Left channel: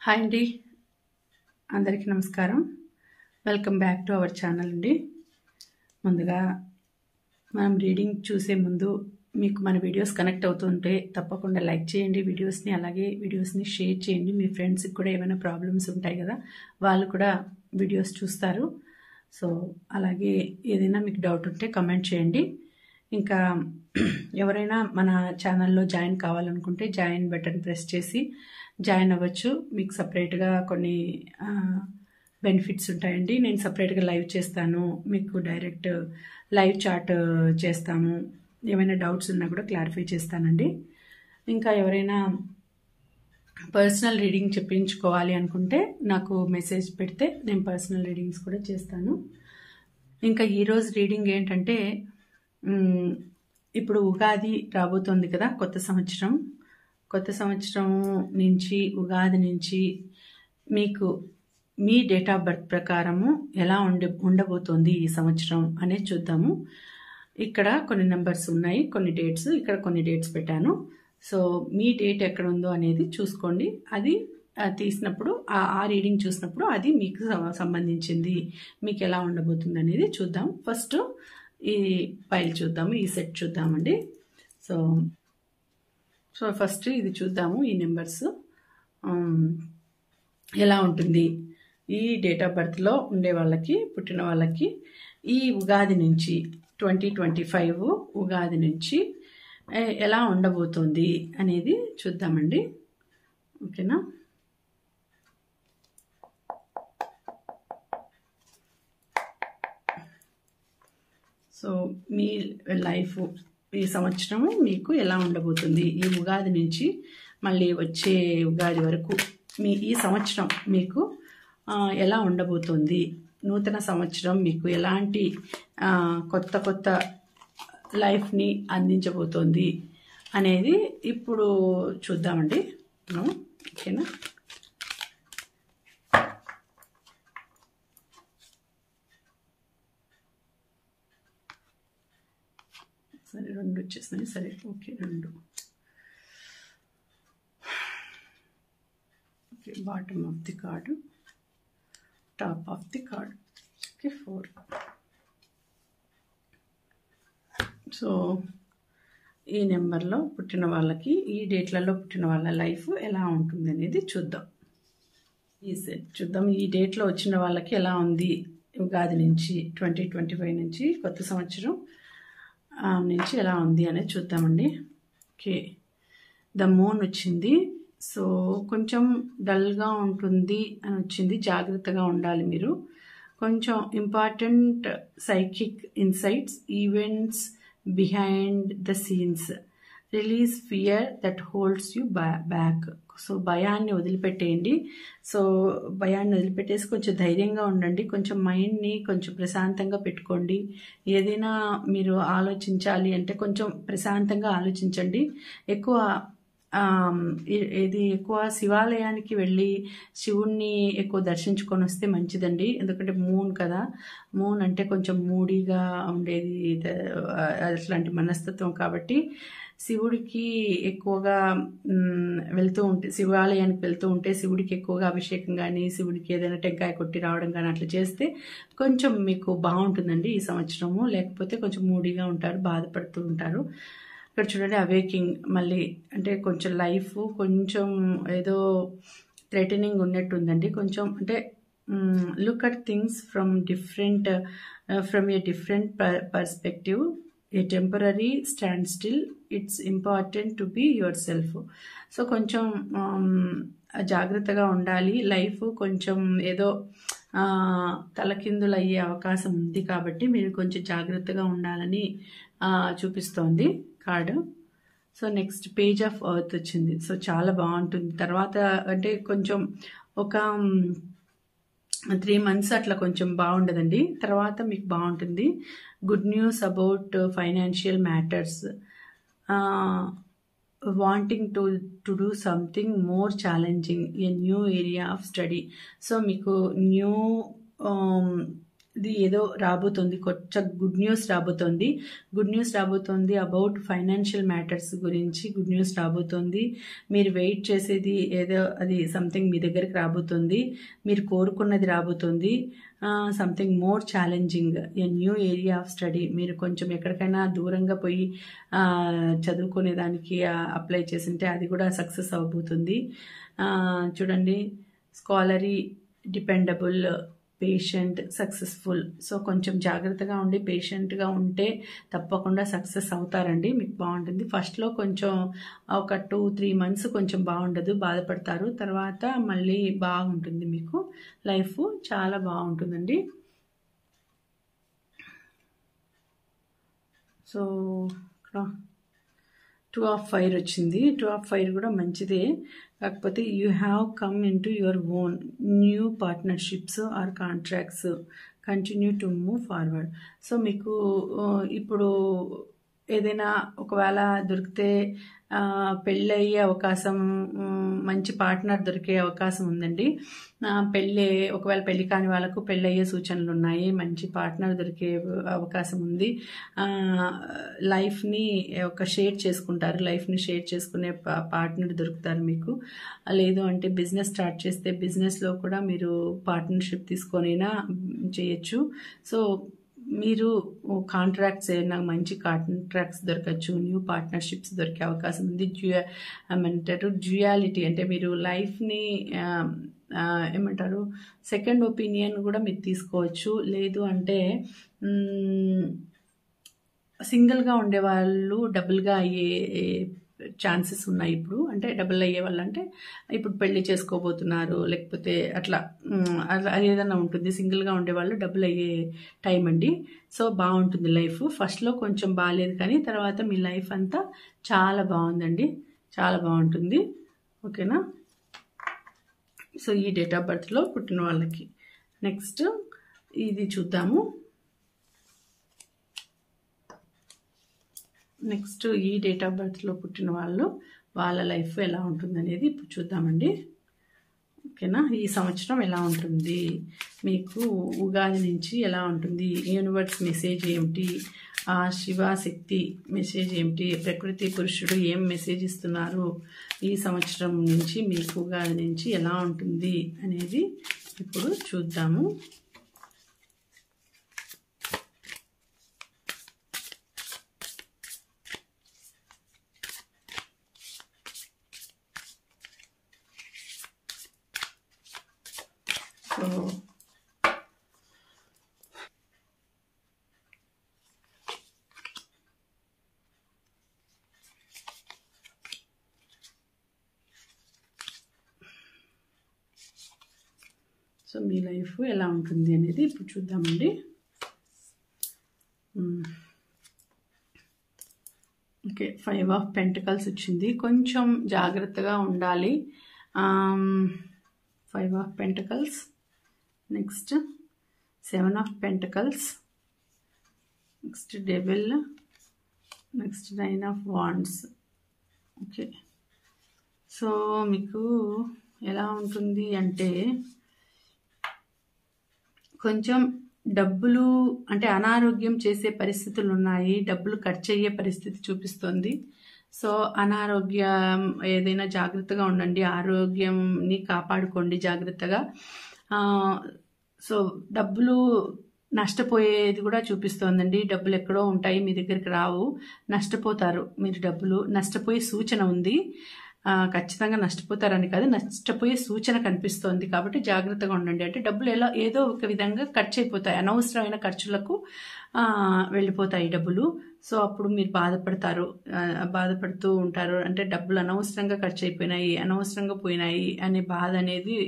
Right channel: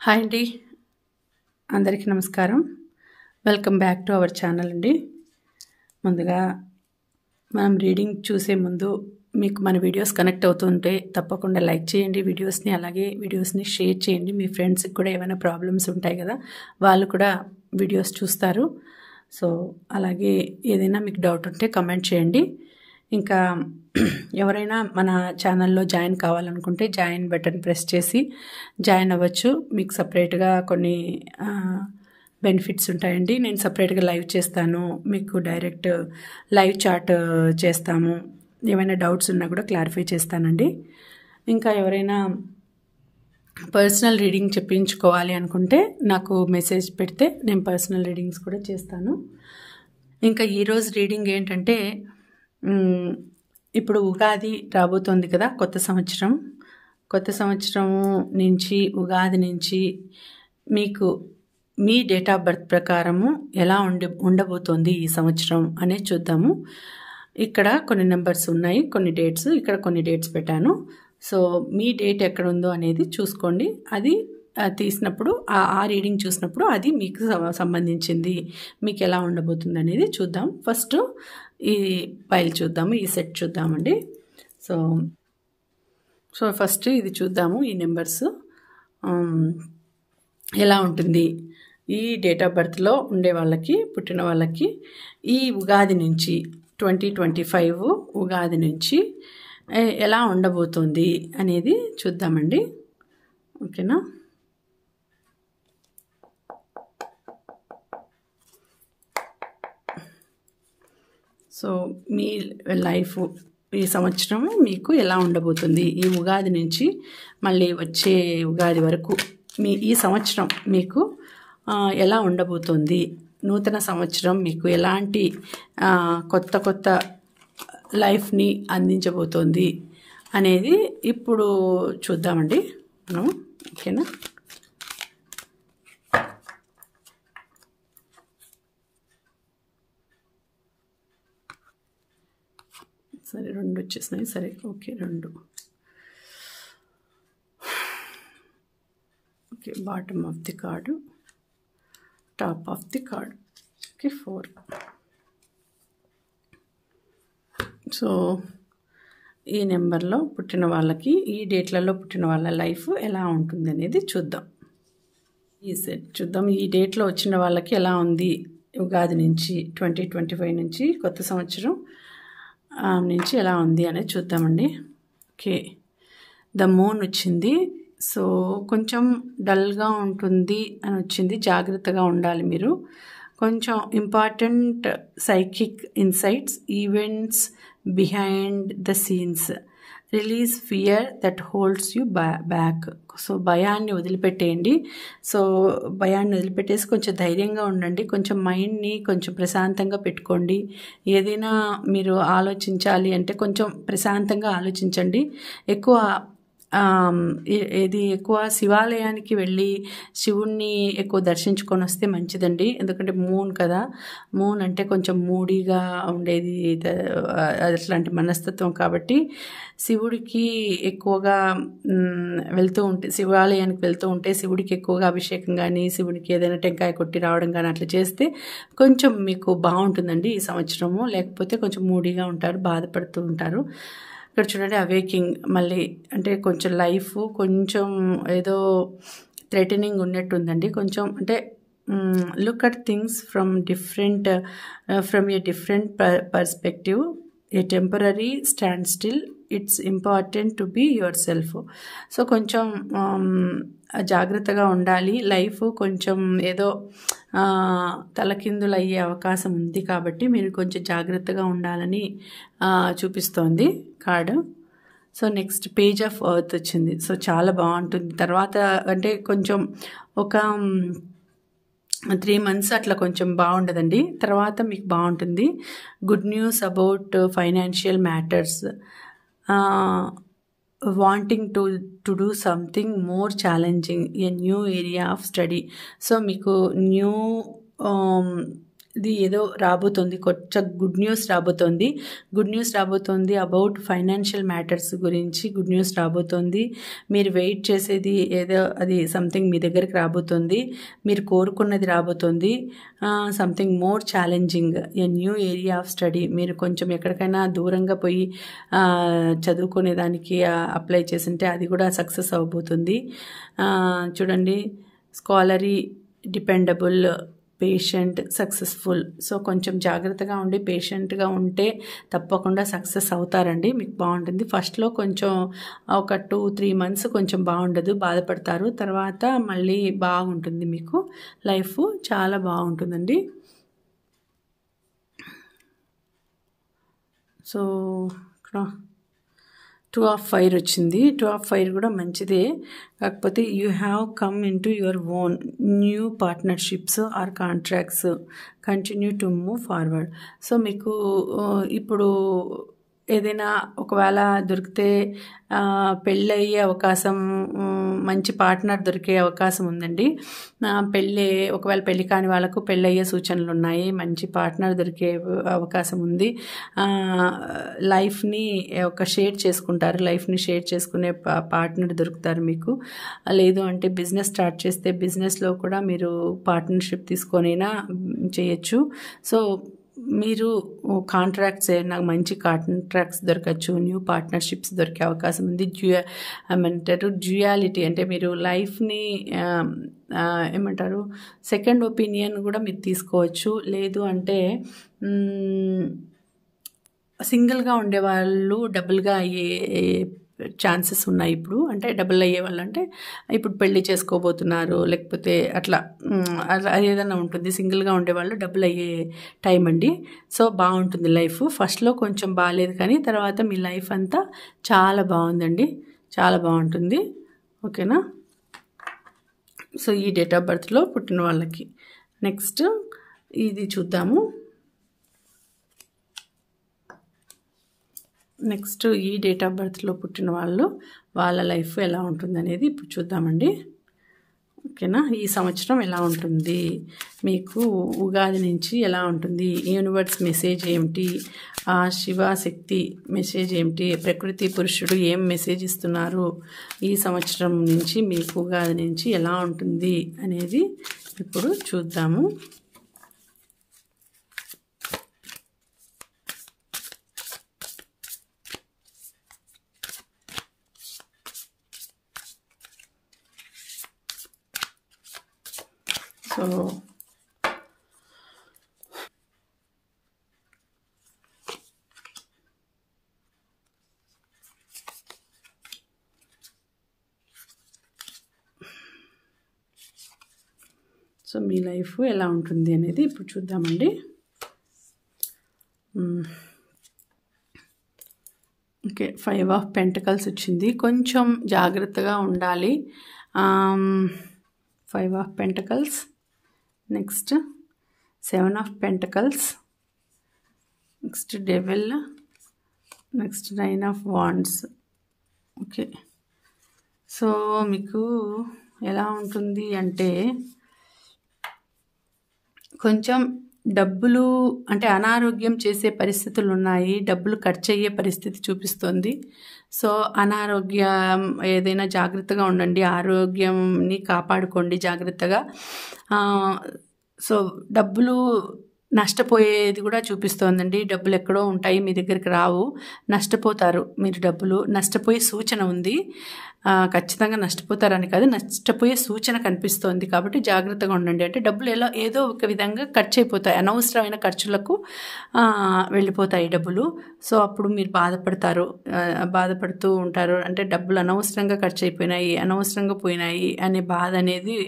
Hi అండి, అందరికీ నమస్కారం. Welcome back to our channel అండి. ముందుగా మనం రీడింగ్ చూసే ముందు మీకు మన వీడియోస్ కనెక్ట్ అవుతుంటే తప్పకుండా లైక్ చేయండి వీడియోస్ని. అలాగే వీడియోస్ని షేర్ చేయండి. మీ ఫ్రెండ్స్కి కూడా ఏమైనా ప్రాబ్లమ్స్ ఉంటాయి కదా, వాళ్ళు కూడా వీడియోస్ చూస్తారు. సో అలాగే ఏదైనా మీకు డౌట్ ఉంటే కమెంట్ చేయండి. ఇంకా ఎవరైనా మన ఛానల్లో జాయిన్ కావాలనుకుంటే జాయిన్ బటన్ ప్రెస్ చేసి జాయిన్ అవ్వచ్చు. మీకు సపరేట్గా కొన్ని బెనిఫిట్స్ ఉంటాయండి. నేను సపరేట్గా లైవ్ చేస్తాను, మీకు డైరెక్ట్ లైవ్ చాట్ చేస్తాము. ఏమైనా డౌట్స్ ఉన్నా కూడా క్లారిఫై చేస్తానండి. ఇంకా ఎవరైనా పర్సనల్ రీడింగ్ చెప్పించుకోవాలి అనుకుంటే నాకు మెసేజ్ పెడితే నేను పర్సనల్ రీడింగ్స్ కూడా చేస్తాను. ఇంకా ఈరోజు రీడింగ్ ఏంటంటే, ఇప్పుడు ఉగాది రాబోతోంది కదా, కొత్త సంవత్సరం నుంచి ఉగాది నుంచి మీకు మీ డేట్ ఆఫ్ బర్త్ ప్రకారము ఎలా ఉండబోతోంది ఈ సంవత్సరం అనేది చూద్దాము. ఇక్కడ కొన్ని నెంబర్స్ ఉన్నాయి, కొన్ని డేట్స్, ఇక్కడ కొన్ని డేట్స్ పెట్టాను. సో మీ డేట్ ఎక్కడ ఉందో అనేది చూసుకోండి. అది తీసినప్పుడు ఆ రీడింగ్ చూసినప్పుడు అది మీకు సంబంధించింది, మీకు ఎలా ఉండబోతుంది అనేది చూద్దాం. ఫస్ట్ ఈ ఫైల్ చూద్దాము, ఈ సెట్ చూద్దామండి. సో ఫస్ట్ ఇది చూద్దాము. ఈ నెంబర్స్ ఎలా ఉంటుంది ఈ డేట్ ఆఫ్ బర్త్లో ఉండే వాళ్ళకి, పుట్టిన వాళ్ళకి ఈ ఉగాది నుంచి 2025 ఉగాది నుంచి ఎలా ఉండబోతుంది అనేది చూద్దామండి. ఓకేనా? సో మీ లైఫ్ ఈ సంవత్సరం మీకు ఎలా ఉండబోతుంది, ఈ ఉగాది నుంచి మళ్ళీ వచ్చే ఉగాది వరకు ఈ సంవత్సరం మీకు ఎలా ఉండబోతుంది, నూతన సంవత్సరం మీకు ఎలాంటి కొత్త లైఫ్ని అందించబోతోంది అనేది ఇప్పుడు చూద్దామండి మనం. ఓకేనా? సరే, 2 వచ్చేసినాయి. సరే, okay, 2. Okay, bottom of the card, top of the card. Okay, 4. So ఈ నెంబర్లో పుట్టిన వాళ్ళకి, ఈ డేట్లలో పుట్టిన వాళ్ళ లైఫ్ ఎలా ఉంటుంది అనేది చూద్దాం. ఈ సెట్ చూద్దాం. ఈ డేట్లో వచ్చిన వాళ్ళకి ఎలా ఉంది ఉగాది నుంచి, 2025 నుంచి, కొత్త సంవత్సరం నుంచి ఎలా ఉంది అనేది చూద్దామండి. ఓకే, ద మూన్ వచ్చింది. సో కొంచెం డల్గా ఉంటుంది అని వచ్చింది. జాగ్రత్తగా ఉండాలి మీరు. కొంచెం important psychic insights, events behind the scenes, release fear that holds you back. So భయాన్ని వదిలిపెట్టేయండి. సో భయాన్ని వదిలిపెట్టేసి కొంచెం ధైర్యంగా ఉండండి. కొంచెం మైండ్ని కొంచెం ప్రశాంతంగా పెట్టుకోండి. ఏదైనా మీరు ఆలోచించాలి అంటే కొంచెం ప్రశాంతంగా ఆలోచించండి. ఎక్కువ శివాలయానికి వెళ్ళి శివుణ్ణి ఎక్కువ దర్శించుకొని వస్తే మంచిదండి. ఎందుకంటే మూన్ కదా, మూన్ అంటే కొంచెం మూడీగా ఉండేది, అట్లాంటి మనస్తత్వం. కాబట్టి శివుడికి ఎక్కువగా శివాలయానికి వెళ్తూ ఉంటే శివుడికి ఎక్కువగా అభిషేకం కానీ, శివుడికి ఏదైనా టెంకాయ కొట్టి రావడం కానీ అట్లా చేస్తే కొంచెం మీకు బాగుంటుందండి ఈ సంవత్సరము. లేకపోతే కొంచెం మూడీగా ఉంటారు, బాధపడుతూ ఉంటారు. ఇక్కడ చూడండి, అవేకింగ్ మళ్ళీ అంటే కొంచెం లైఫ్ కొంచెం ఏదో థ్రెటనింగ్ ఉన్నట్టుందండి. కొంచెం అంటే look at things from a different perspective. A temporary standstill, it's important to be yourself. So కొంచెం జాగ్రత్తగా ఉండాలి. లైఫ్ కొంచెం ఏదో తలకిందులు అయ్యే అవకాశం ఉంది కాబట్టి మీరు కొంచెం జాగ్రత్తగా ఉండాలని చూపిస్తోంది card. So next page of earth వచ్చింది. సో చాలా బాగుంటుంది. తర్వాత అంటే కొంచెం ఒక 3 months అట్లా కొంచెం బాగుండదండి, తర్వాత మీకు బాగుంటుంది. Good news about financial matters, wanting to do something more challenging, a new area of study. So మీకు న్యూ ఇది ఏదో రాబోతుంది, కొంచెం గుడ్ న్యూస్ రాబోతుంది అబౌట్ ఫైనాన్షియల్ మ్యాటర్స్ గురించి గుడ్ న్యూస్ రాబోతుంది. మీరు వెయిట్ చేసేది ఏదో అది సంథింగ్ మీ దగ్గరికి రాబోతుంది, మీరు కోరుకున్నది రాబోతుంది. Something more challenging, a new area of study. మీరు కొంచెం ఎక్కడికైనా దూరంగా పోయి చదువుకునేదానికి అప్లై చేసింటే అది కూడా సక్సెస్ అవబోతుంది. చూడండి, స్కాలరీ, డిపెండబుల్, పేషెంట్, సక్సెస్ఫుల్. సో కొంచెం జాగ్రత్తగా ఉండి పేషెంట్గా ఉంటే తప్పకుండా సక్సెస్ అవుతారండి. మీకు బాగుంటుంది. ఫస్ట్లో కొంచెం ఒక 2-3 మంత్స్ కొంచెం బాగుండదు, బాధపడతారు. తర్వాత మళ్ళీ బాగుంటుంది, మీకు లైఫ్ చాలా బాగుంటుందండి. సో ఇక్కడ 2 of Fire వచ్చింది. 2 of Fire కూడా మంచిదే, కాకపోతే you have come into your own new partnerships or contracts, continue to move forward. So మీకు ఇప్పుడు ఏదైనా ఒకవేళ దొరికితే పెళ్ళయ్యే అవకాశం, మంచి పార్ట్నర్ దొరికే అవకాశం ఉందండి. ఒకవేళ పెళ్ళి కాని వాళ్ళకు పెళ్ళయ్యే సూచనలు ఉన్నాయి, మంచి పార్ట్నర్ దొరికే అవకాశం ఉంది. లైఫ్ని షేర్ చేసుకుంటారు, లైఫ్ని షేర్ చేసుకునే పార్ట్నర్ దొరుకుతారు మీకు. లేదు అంటే బిజినెస్ స్టార్ట్ చేస్తే బిజినెస్లో కూడా మీరు పార్ట్నర్షిప్ తీసుకొనైనా చేయొచ్చు. సో మీరు కాంట్రాక్ట్స్ ఏమైనా మంచి కాంట్రాక్ట్స్ దొరకచ్చు, న్యూ పార్ట్నర్షిప్స్ దొరికే అవకాశం ఉంది. ఏమంటారు, డ్యూయాలిటీ అంటే మీరు లైఫ్ని ఏమంటారు సెకండ్ ఒపీనియన్ కూడా మీరు తీసుకోవచ్చు. లేదు అంటే సింగిల్గా ఉండేవాళ్ళు డబుల్గా అయ్యే ఛాన్సెస్ ఉన్నాయి ఇప్పుడు. అంటే డబుల్ అయ్యే వాళ్ళు అంటే ఇప్పుడు పెళ్లి చేసుకోబోతున్నారు, లేకపోతే అట్లా ఏదైనా ఉంటుంది. సింగిల్గా ఉండేవాళ్ళు డబుల్ అయ్యే టైం అండి. సో బాగుంటుంది లైఫ్. ఫస్ట్లో కొంచెం బాగాలేదు, కానీ తర్వాత మీ లైఫ్ అంతా చాలా బాగుందండి, చాలా బాగుంటుంది. ఓకేనా? సో ఈ డేట్ ఆఫ్ బర్త్లో పుట్టిన వాళ్ళకి నెక్స్ట్ ఇది చూద్దాము. నెక్స్ట్ ఈ డేట్ ఆఫ్ బర్త్లో పుట్టిన వాళ్ళ లైఫ్ ఎలా ఉంటుంది అనేది ఇప్పుడు చూద్దామండి. ఓకేనా? ఈ సంవత్సరం ఎలా ఉంటుంది, మీకు ఉగాది నుంచి ఎలా ఉంటుంది, యూనివర్స్ మెసేజ్ ఏమిటి, శివశక్తి మెసేజ్ ఏమిటి, ప్రకృతి పురుషుడు ఏం మెసేజ్ ఇస్తున్నారు, ఈ సంవత్సరం నుంచి మీకు ఉగాది నుంచి ఎలా ఉంటుంది అనేది ఇప్పుడు చూద్దాము. సో మీ లైఫ్ ఎలా ఉంటుంది అనేది ఇప్పుడు చూద్దామండి. ఓకే, 5 of Pentacles వచ్చింది. కొంచెం జాగ్రత్తగా ఉండాలి. 5 of Pentacles, next 7 of Pentacles, next devil, next 9 of Wands. Okay, so మీకు ఎలా ఉంటుంది అంటే కొంచెం డబ్బులు అంటే అనారోగ్యం చేసే పరిస్థితులు ఉన్నాయి, డబ్బులు ఖర్చు అయ్యే పరిస్థితి చూపిస్తుంది. సో అనారోగ్యం ఏదైనా జాగ్రత్తగా ఉండండి, ఆరోగ్యంని కాపాడుకోండి జాగ్రత్తగా. సో డబ్బులు నష్టపోయేది కూడా చూపిస్తోందండి. డబ్బులు ఎక్కడో ఉంటాయి, మీ దగ్గరికి రావు, నష్టపోతారు. మీరు డబ్బులు నష్టపోయే సూచన ఉంది. ఖచ్చితంగా నష్టపోతారని కాదు, నష్టపోయే సూచన కనిపిస్తోంది. కాబట్టి జాగ్రత్తగా ఉండండి. అంటే డబ్బులు ఏదో ఒక విధంగా ఖర్చు అయిపోతాయి, అనవసరమైన ఖర్చులకు వెళ్ళిపోతాయి డబ్బులు. సో అప్పుడు మీరు బాధపడుతూ ఉంటారు. అంటే డబ్బులు అనవసరంగా ఖర్చు అయిపోయినాయి, అనవసరంగా పోయినాయి అనే బాధ అనేది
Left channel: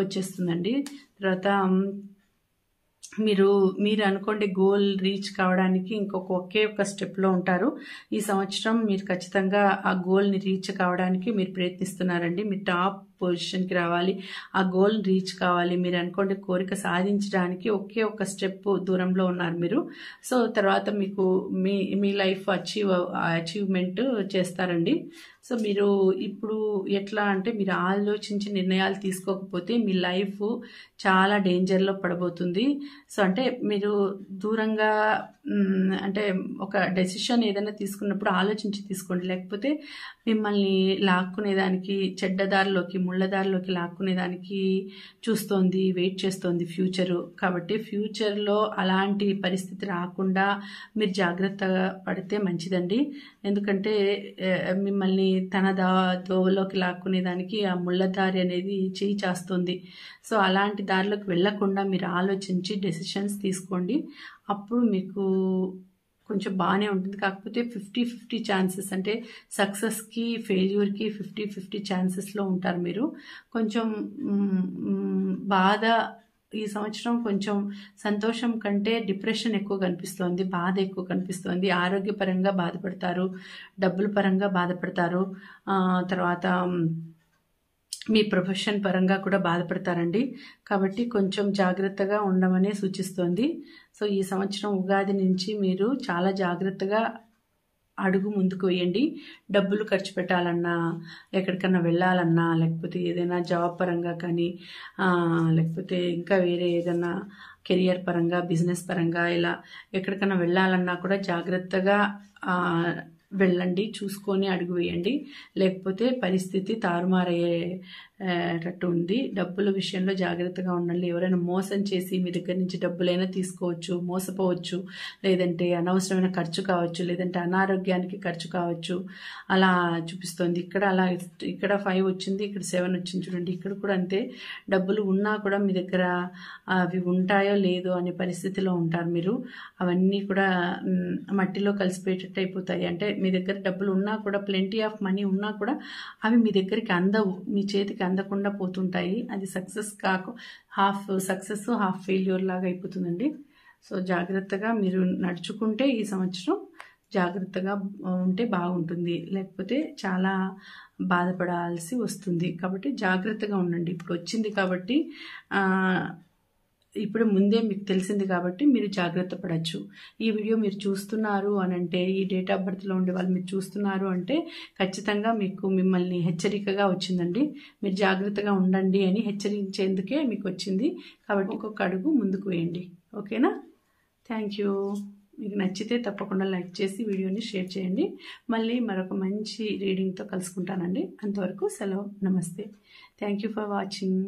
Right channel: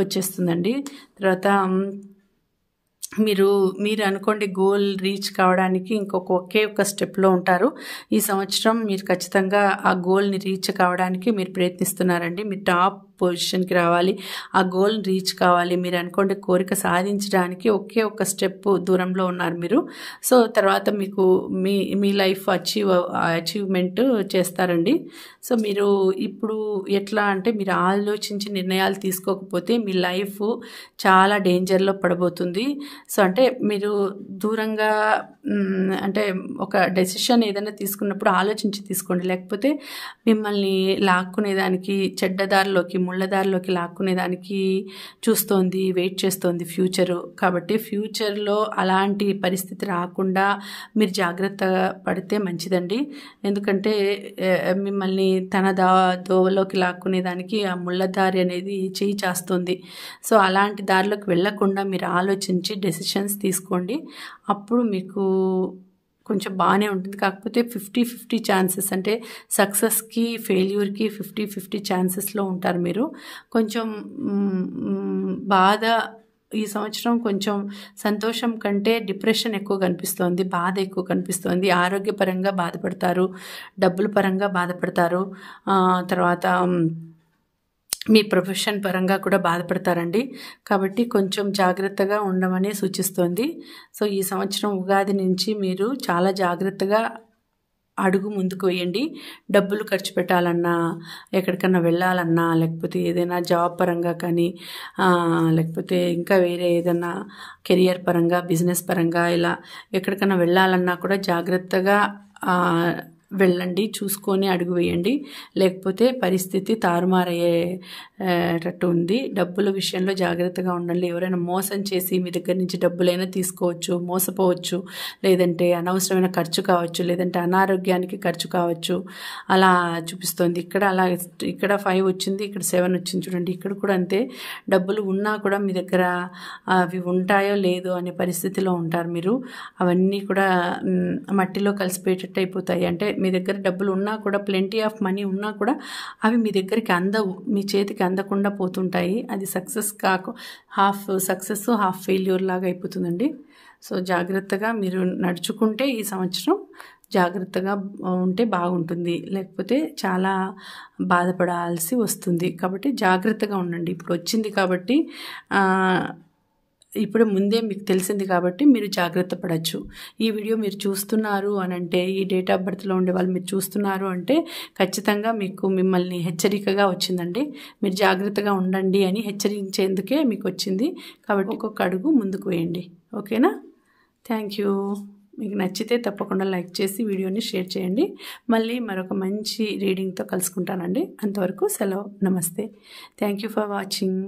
వచ్చేస్తుందండి. తర్వాత మీరు అనుకోండి గోల్ రీచ్ కావడానికి ఒకే ఒక స్టెప్లో ఉంటారు. ఈ సంవత్సరం మీరు ఖచ్చితంగా ఆ గోల్ని రీచ్ కావడానికి మీరు ప్రయత్నిస్తున్నారండి. మీరు టాప్ పొజిషన్కి రావాలి, ఆ గోల్ని రీచ్ కావాలి. మీరు అనుకోండి కోరిక సాధించడానికి ఒకే ఒక స్టెప్ దూరంలో ఉన్నారు మీరు. సో తర్వాత మీకు మీ లైఫ్ అచీవ్మెంట్ చేస్తారండి. సో మీరు ఇప్పుడు ఎట్లా అంటే మీరు ఆలోచించి నిర్ణయాలు తీసుకోకపోతే మీ లైఫ్ చాలా డేంజర్లో పడబోతుంది. సో అంటే మీరు దూరంగా అంటే ఒక డెసిషన్ ఏదైనా తీసుకున్నప్పుడు ఆలోచించి తీసుకోండి. లేకపోతే మిమ్మల్ని లాక్కునేదానికి చెడ్డదారిలోకి ముళ్ళదారిలోకి లాక్కునేదానికి చూస్తోంది, వెయిట్ చేస్తోంది ఫ్యూచరు. కాబట్టి ఫ్యూచర్లో అలాంటి పరిస్థితి రాకుండా మీరు జాగ్రత్త పడితే మంచిదండి. ఎందుకంటే మిమ్మల్ని తన దోవలోకి లాక్కునేదానికి ఆ ముళ్ళదారి అనేది చేయి చేస్తుంది. సో అలాంటి దారిలోకి వెళ్ళకుండా మీరు ఆలోచించి డెసిషన్స్ తీసుకోండి. అప్పుడు మీకు కొంచెం బాగానే ఉంటుంది. కాకపోతే 50-50 ఛాన్సెస్, అంటే సక్సెస్కి ఫెయిల్యూర్కి 50-50 ఛాన్సెస్లో ఉంటారు మీరు. కొంచెం బాధ ఈ సంవత్సరం కొంచెం సంతోషం కంటే డిప్రెషన్ ఎక్కువ కనిపిస్తోంది, బాధ ఎక్కువ కనిపిస్తోంది. ఆరోగ్యపరంగా బాధపడతారు, డబ్బుల పరంగా బాధపడతారు, తర్వాత మీ ప్రొఫెషన్ పరంగా కూడా బాధపడతారండి. కాబట్టి కొంచెం జాగ్రత్తగా ఉండమని సూచిస్తోంది. సో ఈ సంవత్సరం ఉగాది నుంచి మీరు చాలా జాగ్రత్తగా అడుగు ముందుకు వేయండి. డబ్బులు ఖర్చు పెట్టాలన్నా, ఎక్కడికన్నా వెళ్ళాలన్నా, లేకపోతే ఏదైనా జాబ్ పరంగా కానీ, లేకపోతే ఇంకా వేరే ఏదైనా కెరియర్ పరంగా, బిజినెస్ పరంగా ఇలా ఎక్కడికన్నా వెళ్ళాలన్నా కూడా జాగ్రత్తగా వెళ్ళండి, చూసుకొని అడుగు వేయండి. లేకపోతే పరిస్థితి తారుమారయ్యేటట్టు ఉంది. డబ్బుల విషయంలో జాగ్రత్తగా ఉండండి. ఎవరైనా మోసం చేసి మీ దగ్గర నుంచి డబ్బులైనా తీసుకోవచ్చు, మోసపోవచ్చు, లేదంటే అనవసరమైన ఖర్చు కావచ్చు, లేదంటే అనారోగ్యానికి ఖర్చు కావచ్చు. అలా చూపిస్తుంది. ఇక్కడ 5 వచ్చింది, ఇక్కడ 7 వచ్చింది చూడండి. ఇక్కడ కూడా అంతే. డబ్బులు ఉన్నా కూడా మీ దగ్గర అవి ఉంటాయో లేదో అనే పరిస్థితిలో ఉంటారు మీరు. అవన్నీ కూడా మట్టిలో కలిసిపోయేటట్టు అయిపోతాయి. అంటే మీ దగ్గర డబ్బులు ఉన్నా కూడా, ప్లెంటీ ఆఫ్ మనీ ఉన్నా కూడా అవి మీ దగ్గరికి అందవు, మీ చేతికి అందకుండా పోతుంటాయి. అది హాఫ్ సక్సెస్ హాఫ్ ఫెయిల్యూర్ లాగా అయిపోతుందండి. సో జాగ్రత్తగా మీరు నడుచుకుంటే ఈ సంవత్సరం జాగ్రత్తగా ఉంటే బాగుంటుంది. లేకపోతే చాలా బాధపడాల్సి వస్తుంది. కాబట్టి జాగ్రత్తగా ఉండండి. ఇప్పుడు వచ్చింది కాబట్టి ఇప్పుడు ముందే మీకు తెలిసింది కాబట్టి మీరు జాగ్రత్త పడవచ్చు. ఈ వీడియో మీరు చూస్తున్నారు అని అంటే, ఈ డేట్ ఆఫ్ బర్త్లో ఉండే వాళ్ళు మీరు చూస్తున్నారు అంటే ఖచ్చితంగా మిమ్మల్ని హెచ్చరికగా వచ్చిందండి. మీరు జాగ్రత్తగా ఉండండి అని హెచ్చరించేందుకే మీకు వచ్చింది. కాబట్టి ఒక్కొక్క అడుగు ముందుకు వేయండి. ఓకేనా? Thank you. మీకు నచ్చితే తప్పకుండా లైక్ చేసి వీడియోని షేర్ చేయండి. మళ్ళీ మరొక మంచి రీడింగ్తో కలుసుకుంటానండి. అంతవరకు సెలవు. నమస్తే. Thank you for watching.